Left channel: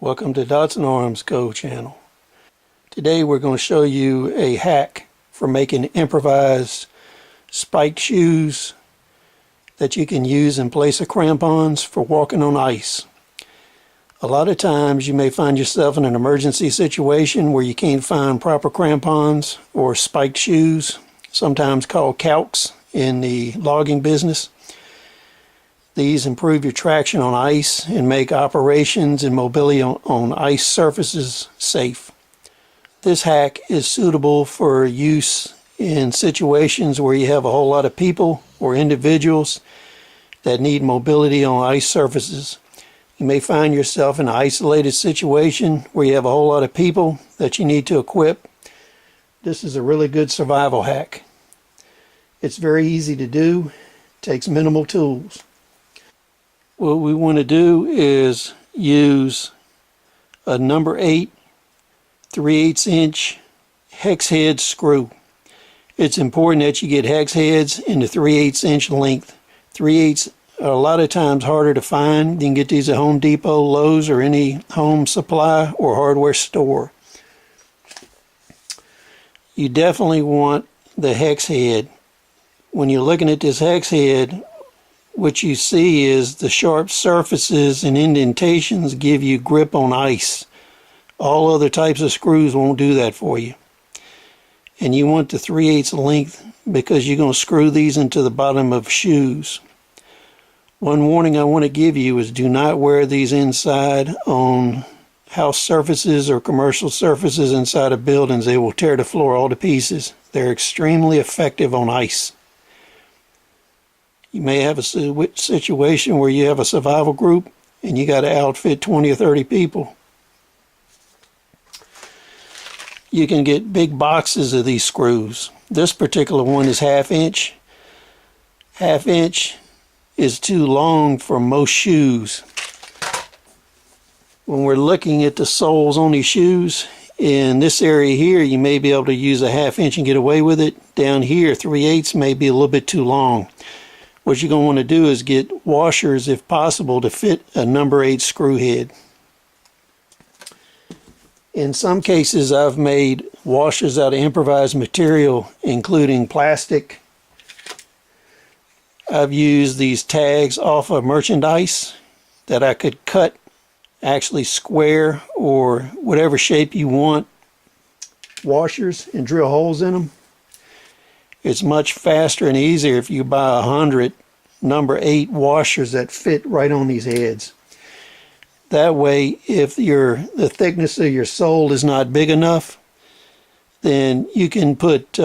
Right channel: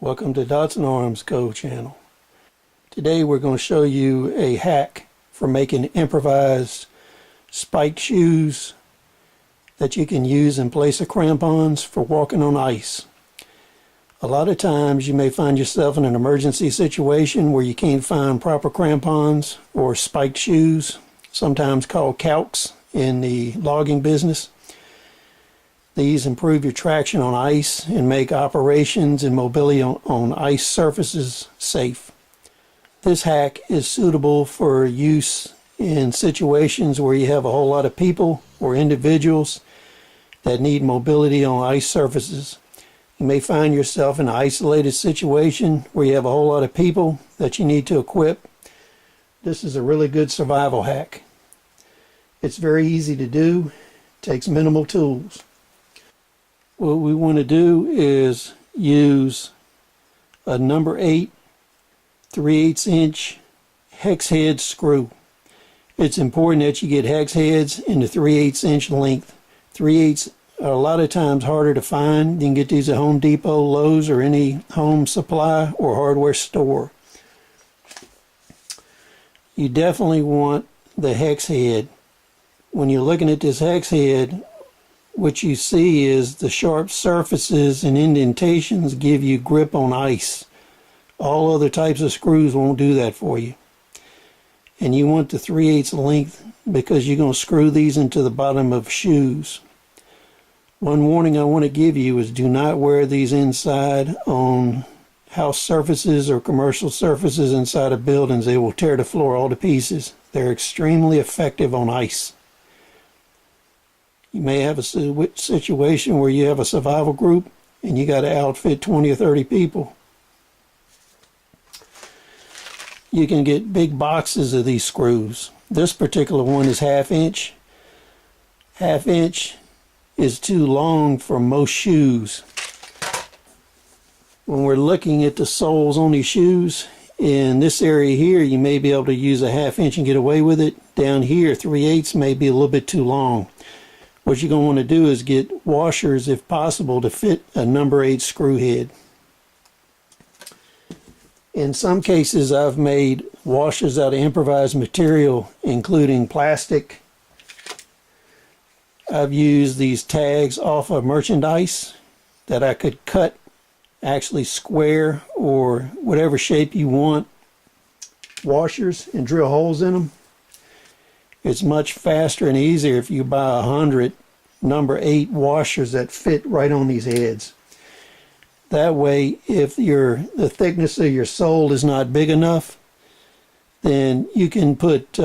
Welcome to Dots and Arms Go channel. Today we're going to show you a hack for making improvised spiked shoes that you can use in place of crampons for walking on ice. A lot of times you may find yourself in an emergency situation where you can't find proper crampons or spiked shoes, sometimes called calcs in the logging business. These improve your traction on ice and make operations and mobility on ice surfaces safe. This hack is suitable for use in situations where you have a whole lot of people or individuals that need mobility on ice surfaces. You may find yourself in an isolated situation where you have a whole lot of people that you need to equip. This is a really good survival hack. It's very easy to do, takes minimal tools. What we want to do is use a number 8 3/8 inch hex head screw. It's important that you get hex heads in the 3/8 inch length. 3/8 are a lot of times harder to find. You can get these at Home Depot, Lowe's, or any home supply or hardware store. You definitely want the hex head. When you're looking at this hex head, what you see is the sharp surfaces and indentations give you grip on ice. All other types of screws won't do that for you. And you want the 3/8 length because you're going to screw these into the bottom of shoes. One warning I want to give you is do not wear these inside on house surfaces or commercial surfaces inside of buildings. They will tear the floor all to pieces. They're extremely effective on ice. You may have a situation where you have a survival group and you got to outfit 20 or 30 people. You can get big boxes of these screws. This particular one is 1/2 inch. 1/2 inch is too long for most shoes. When we're looking at the soles on these shoes, in this area here, you may be able to use a 1/2 inch and get away with it. Down here, 3/8 may be a little bit too long. What you're going to want to do is get washers, if possible, to fit a number 8 screw head. In some cases, I've made washers out of improvised material, including plastic. I've used these tags off of merchandise that I could cut actually square or whatever shape you want washers and drill holes in them. It's much faster and easier if you buy 100 number 8 washers that fit right on these heads. That way, if the thickness of your sole is not big enough, then you can put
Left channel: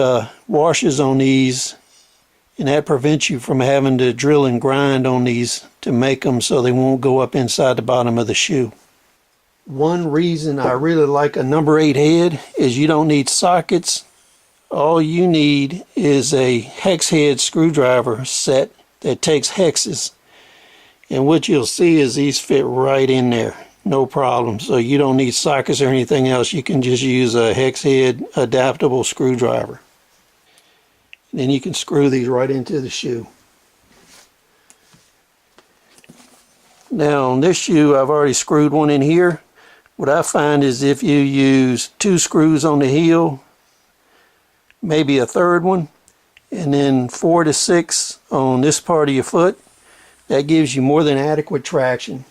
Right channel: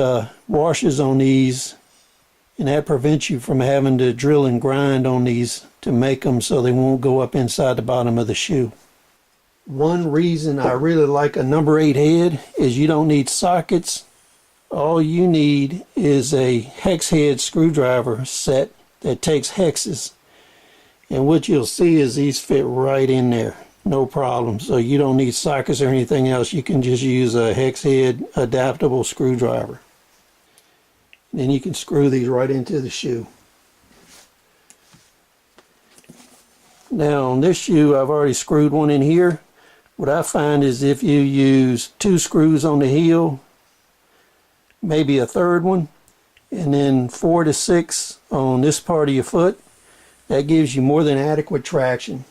washers on these, and that prevents you from having to drill and grind on these to make them so they won't go up inside the bottom of the shoe. One reason I really like a number 8 head is you don't need sockets. All you need is a hex head screwdriver set that takes hexes. And what you'll see is these fit right in there, no problem. So you don't need sockets or anything else. You can just use a hex head adaptable screwdriver. And then you can screw these right into the shoe. Now on this shoe, I've already screwed one in here. What I find is if you use 2 screws on the heel, maybe a third one, and then 4 to 6 on this part of your foot, that gives you more than adequate traction.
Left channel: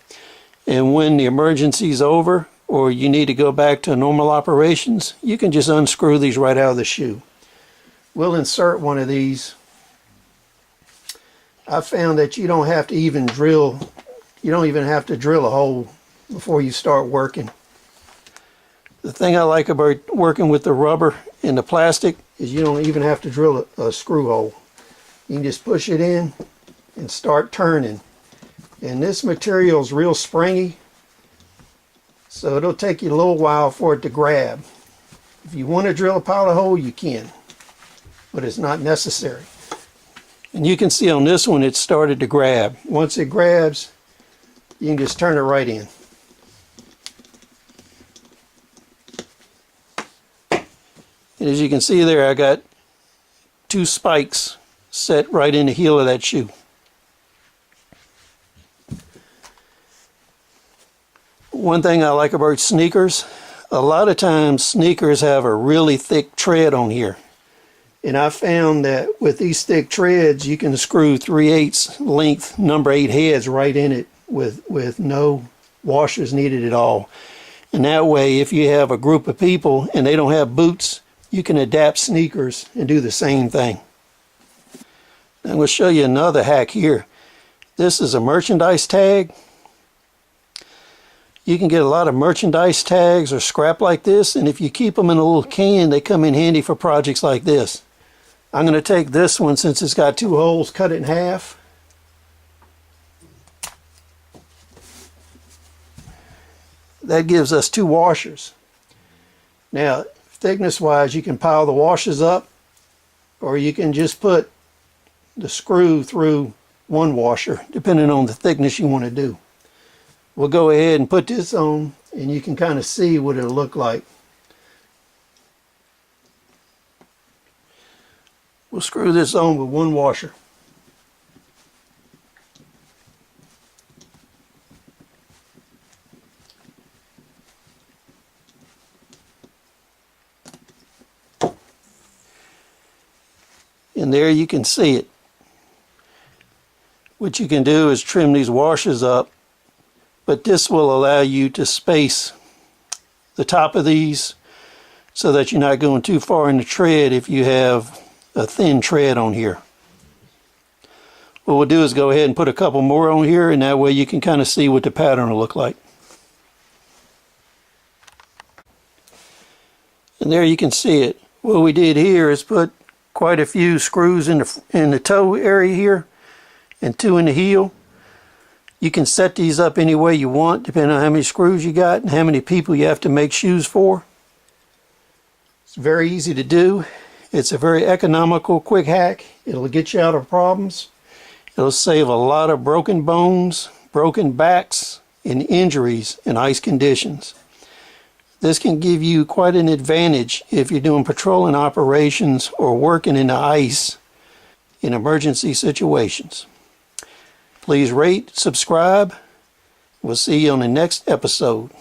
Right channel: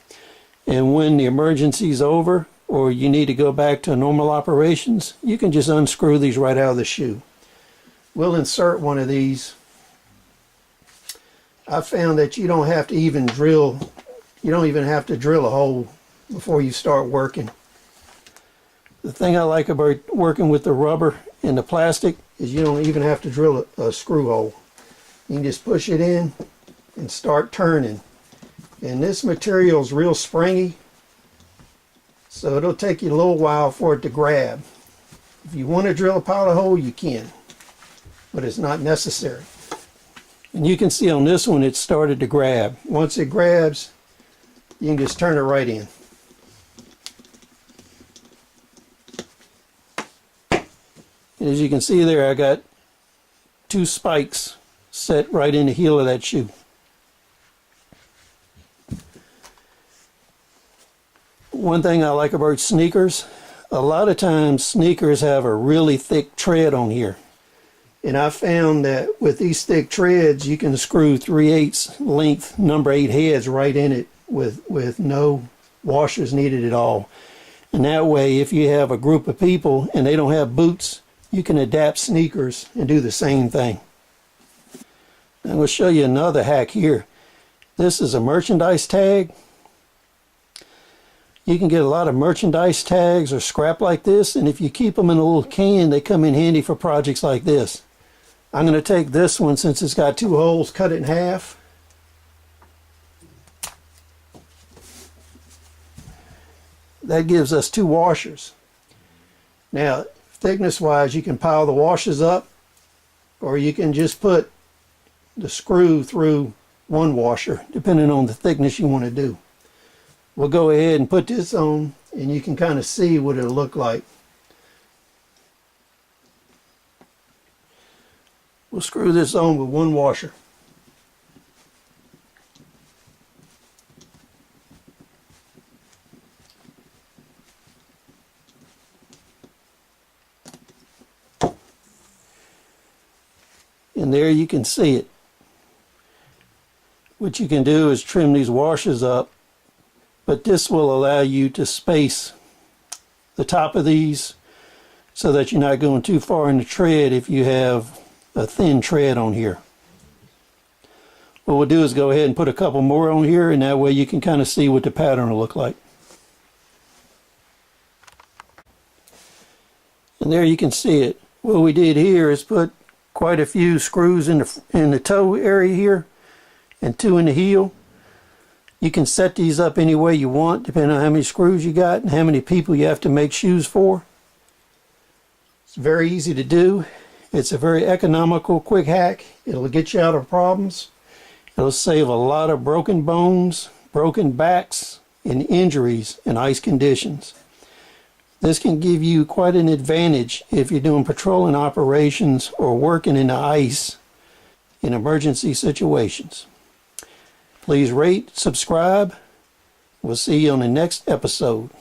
And when the emergency is over or you need to go back to normal operations, you can just unscrew these right out of the shoe. We'll insert one of these. I found that you don't have to even drill, you don't even have to drill a hole before you start working. The thing I like about working with the rubber and the plastic is you don't even have to drill a screw hole. You can just push it in and start turning. And this material is real springy, so it'll take you a little while for it to grab. If you want to drill a pilot hole, you can, but it's not necessary. And you can see on this one it started to grab. Once it grabs, you can just turn it right in. And as you can see there, I got 2 spikes set right in the heel of that shoe. One thing I like about sneakers, a lot of times sneakers have a really thick tread on here. And I found that with these thick treads, you can screw 3/8 length number 8 heads right in it with no washers needed at all. And that way, if you have a group of people and they don't have boots, you can adapt sneakers and do the same thing. I'm going to show you another hack here. This is a merchandise tag. You can get a lot of merchandise tags or scrap like this, and if you keep them in a little can, they come in handy for projects like this. I'm going to take this one, since it's got 2 holes, cut it in half. That gives us 2 washers. Now, thickness wise, you can pile the washers up, or you can just put the screw through 1 washer, depending on the thickness you want to do. We'll go ahead and put this on, and you can kind of see what it'll look like. We'll screw this on with 1 washer. And there you can see it. What you can do is trim these washers up, but this will allow you to space the top of these so that you're not going too far in the tread if you have a thin tread on here. What we'll do is go ahead and put a couple more on here, and that way you can kind of see what the pattern will look like. And there you can see it. What we did here is put quite a few screws in the toe area here, and 2 in the heel. You can set these up any way you want, depending on how many screws you got and how many people you have to make shoes for. It's very easy to do. It's a very economical, quick hack. It'll get you out of problems. It'll save a lot of broken bones, broken backs, and injuries in ice conditions. This can give you quite an advantage if you're doing patrolling operations or working in the ice in emergency situations. Please rate, subscribe. We'll see you on the next episode.